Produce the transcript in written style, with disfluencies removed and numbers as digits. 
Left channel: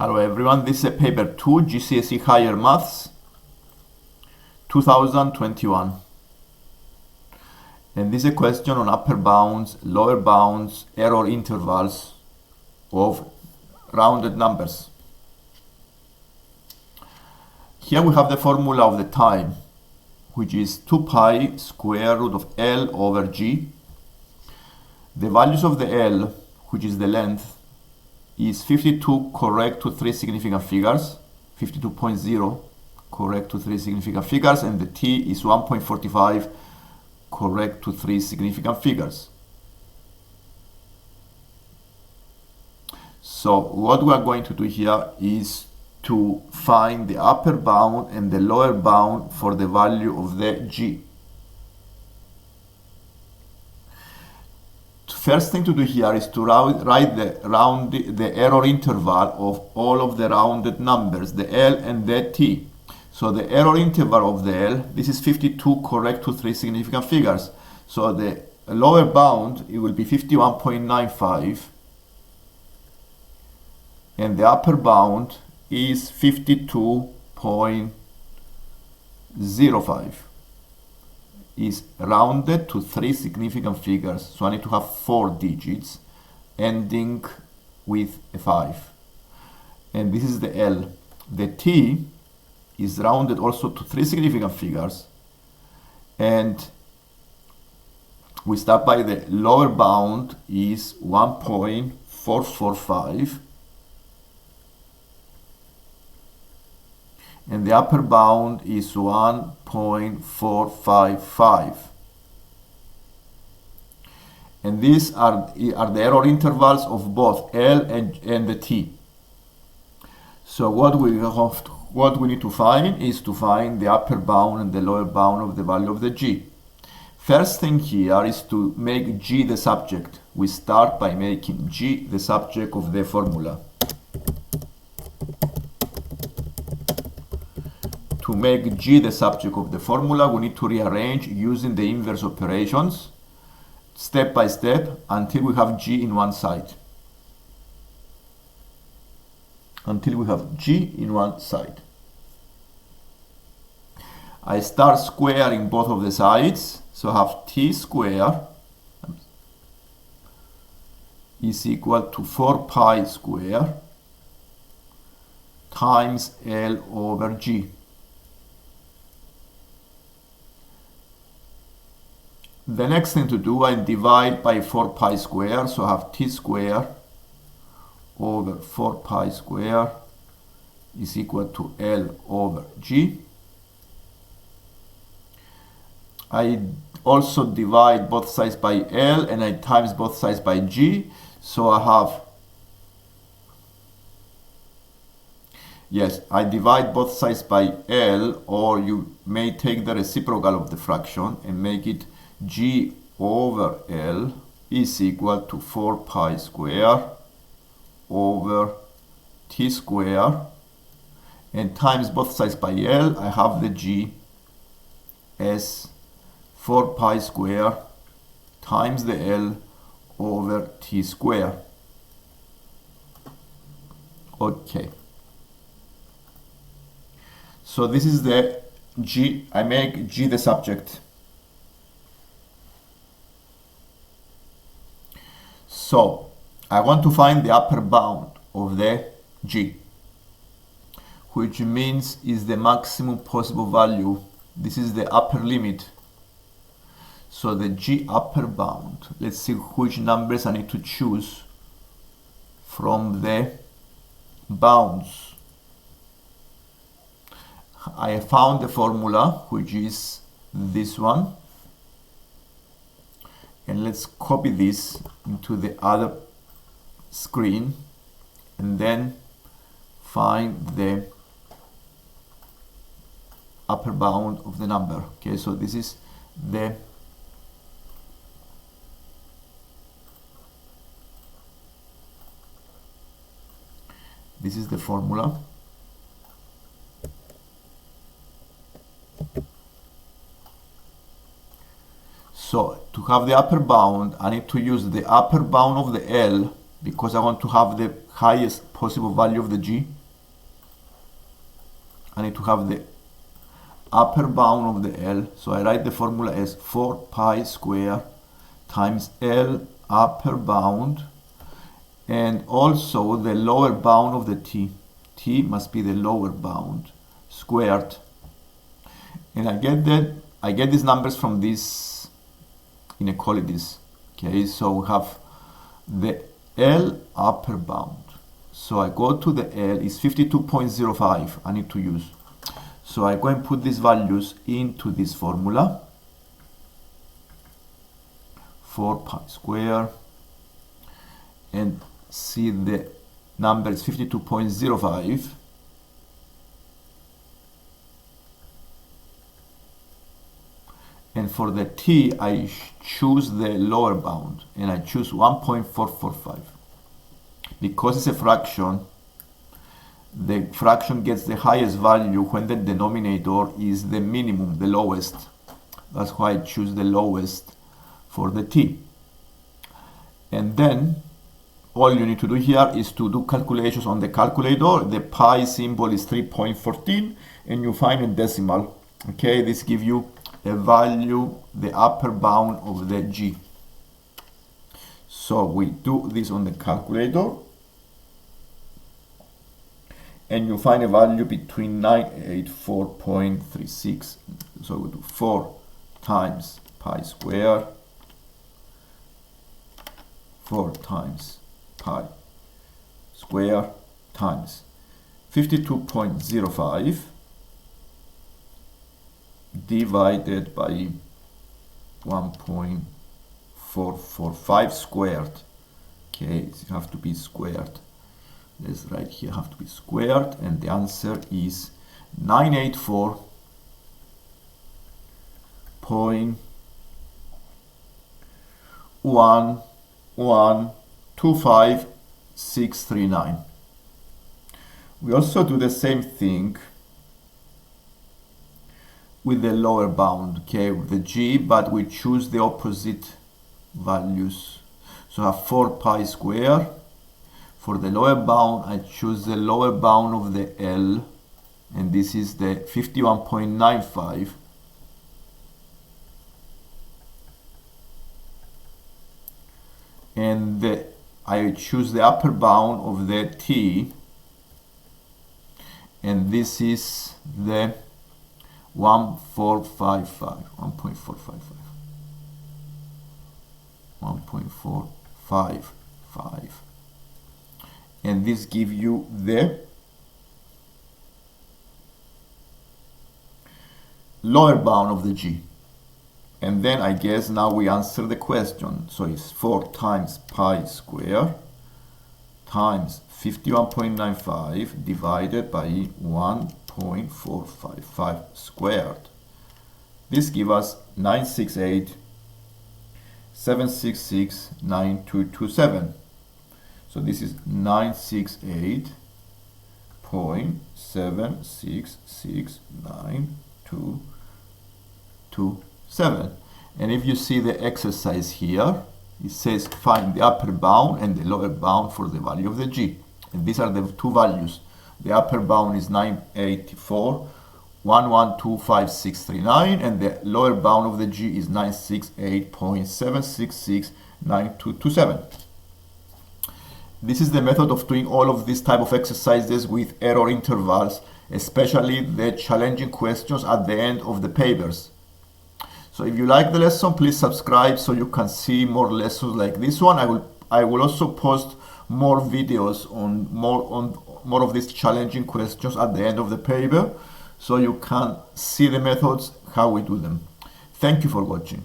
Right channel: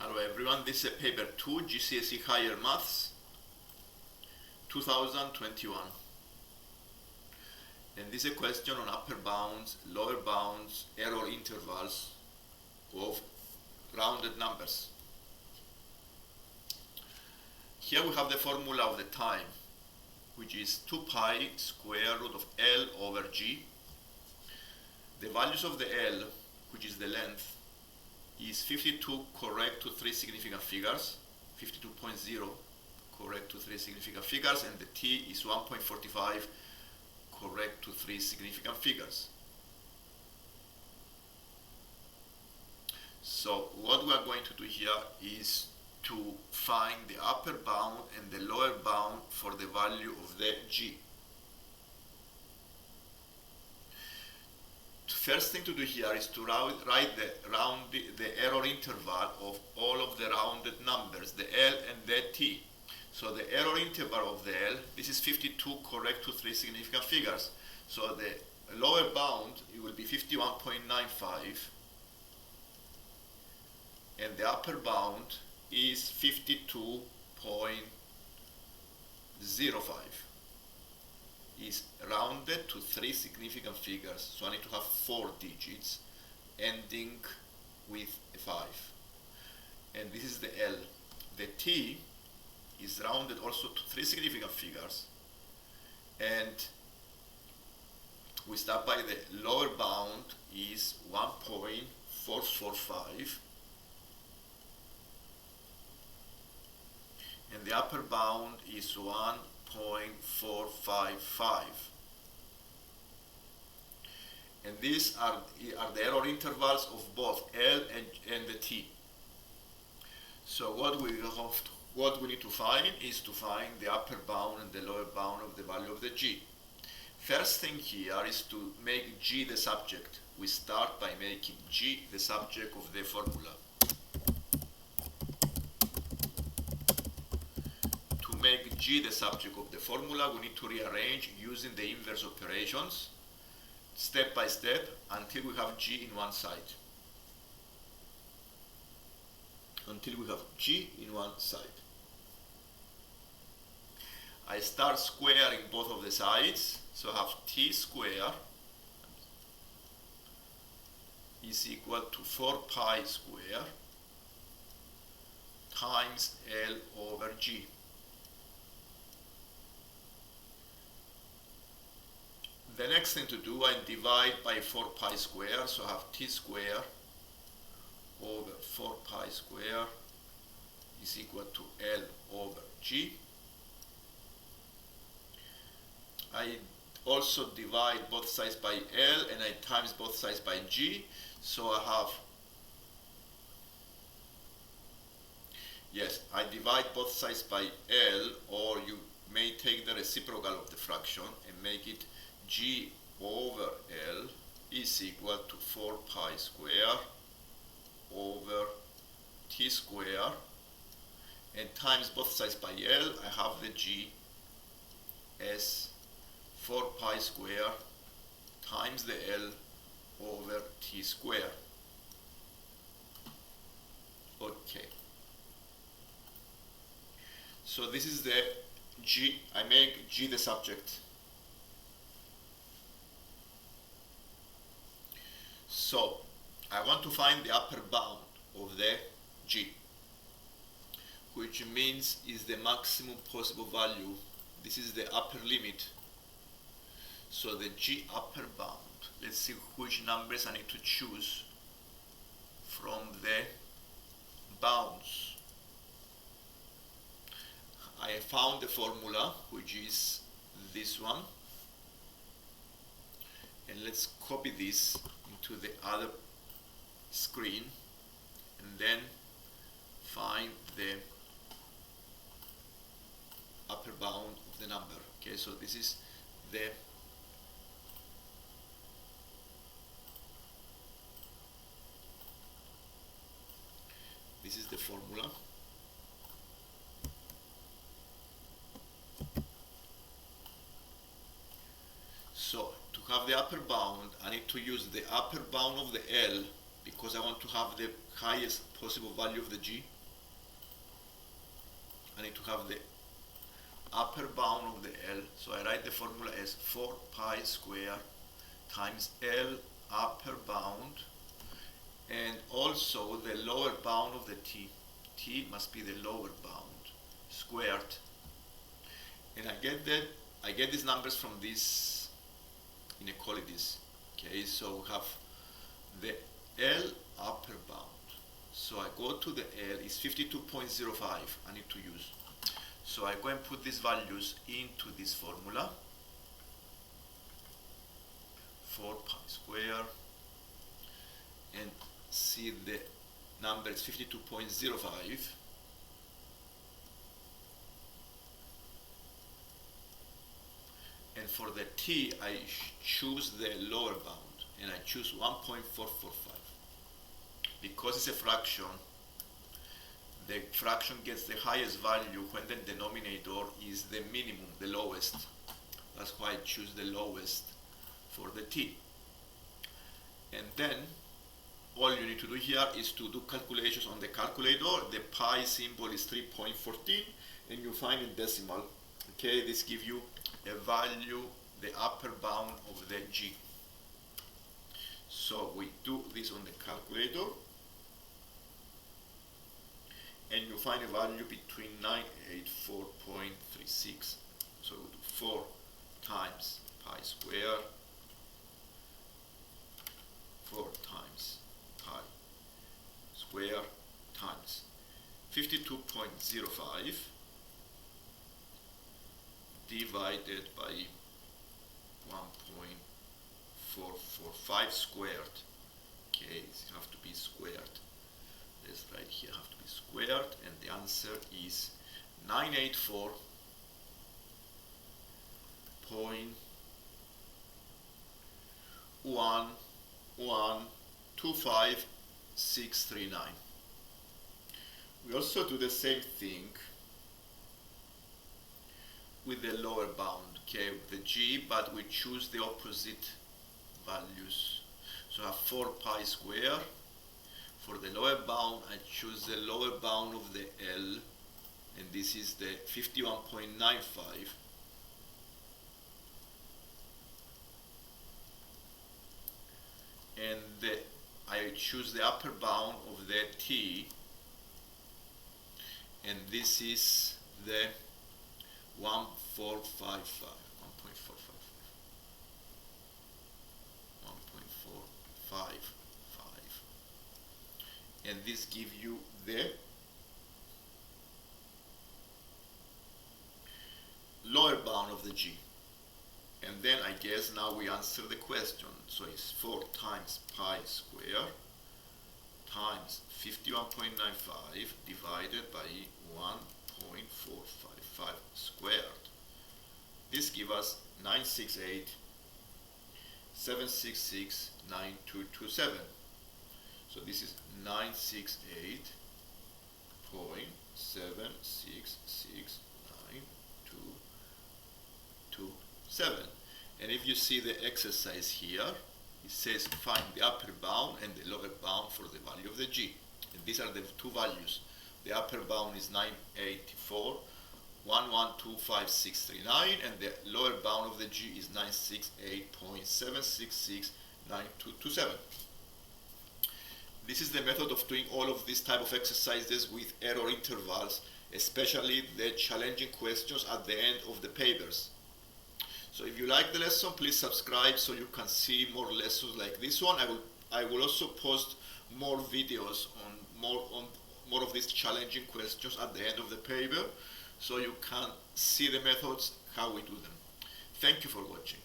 Hello everyone, this is paper 2, GCSE Higher Maths 2021. And this is a question on upper bounds, lower bounds, error intervals of rounded numbers. Here we have the formula of the time, which is 2 pi square root of L over G. The values of the L, which is the length, is 52 correct to 3 significant figures, 52.0 correct to 3 significant figures, and the T is 1.45 correct to 3 significant figures. So what we are going to do here is to find the upper bound and the lower bound for the value of the G. First thing to do here is to write the error interval of all of the rounded numbers, the L and the T. So the error interval of the L, this is 52 correct to 3 significant figures. So the lower bound, it will be 51.95, and the upper bound is 52.05. is rounded to 3 significant figures, so I need to have 4 digits ending with a 5. And this is the L. The T is rounded also to 3 significant figures, and we start by the lower bound is 1.445, and the upper bound is 1.455. And these are the error intervals of both L and the T. So what we need to find is to find the upper bound and the lower bound of the value of the G. First thing here is to make G the subject. We start by making G the subject of the formula. To make G the subject of the formula, we need to rearrange using the inverse operations step by step until we have G in one side. Until we have G in one side. I start squaring both of the sides, so I have T squared is equal to 4 pi squared times L over G. The next thing to do, I divide by 4 pi square, so I have T square over 4 pi square is equal to L over G. I also divide both sides by L and I times both sides by G, so I have, yes, I divide both sides by L, or you may take the reciprocal of the fraction and make it G over L is equal to 4 pi square over T square, and times both sides by L, I have the G as 4 pi square times the L over T square. Okay. So this is the G. I make G the subject. So I want to find the upper bound of the G, which means is the maximum possible value. This is the upper limit. So the G upper bound, let's see which numbers I need to choose from the bounds. I found the formula, which is this one. And let's copy this into the other screen and then find the upper bound of the number. Okay, so this is the formula. So to have the upper bound, I need to use the upper bound of the L because I want to have the highest possible value of the g. I need to have the upper bound of the L. So I write the formula as 4 pi square times L upper bound, and also the lower bound of the t. T must be the lower bound squared. And I get these numbers from these inequalities. Okay, so we have the L upper bound. So I go to the L, is 52.05 I need to use. So I go and put these values into this formula. 4 pi square, and see the number is 52.05. And for the t, I choose the lower bound, and I choose 1.445. Because it's a fraction, the fraction gets the highest value when the denominator is the minimum, the lowest. That's why I choose the lowest for the t. And then all you need to do here is to do calculations on the calculator. The pi symbol is 3.14, and you find a decimal. Okay, this gives you a value, the upper bound of the g. So we do this on the calculator, and you find a value between 984.36. So we do 4 times pi square, 4 times pi square times 52.05 divided by 1.445 squared. Okay, it has to be squared. This right here have to be squared, and the answer is 984.1125639. We also do the same thing with the lower bound, okay, with the g, but we choose the opposite values. So I have 4 pi square. For the lower bound, I choose the lower bound of the L, and this is the 51.95. And I choose the upper bound of the t, and this is the 1.455, and this gives you the lower bound of the g. And then I guess now we answer the question. So it's 4 times pi square times 51.95 divided by 1.455 squared. This gives us 968.7669227. So this is 968.7669227. And if you see the exercise here, it says find the upper bound and the lower bound for the value of the g. And these are the two values. The upper bound is 984.1125639, and the lower bound of the g is 968.7669227. This is the method of doing all of these type of exercises with error intervals, especially the challenging questions at the end of the papers. So if you like the lesson, please subscribe so you can see more lessons like this one. I will also post more videos on more of these challenging questions at the end of the paper, so you can see the methods, how we do them. Thank you for watching.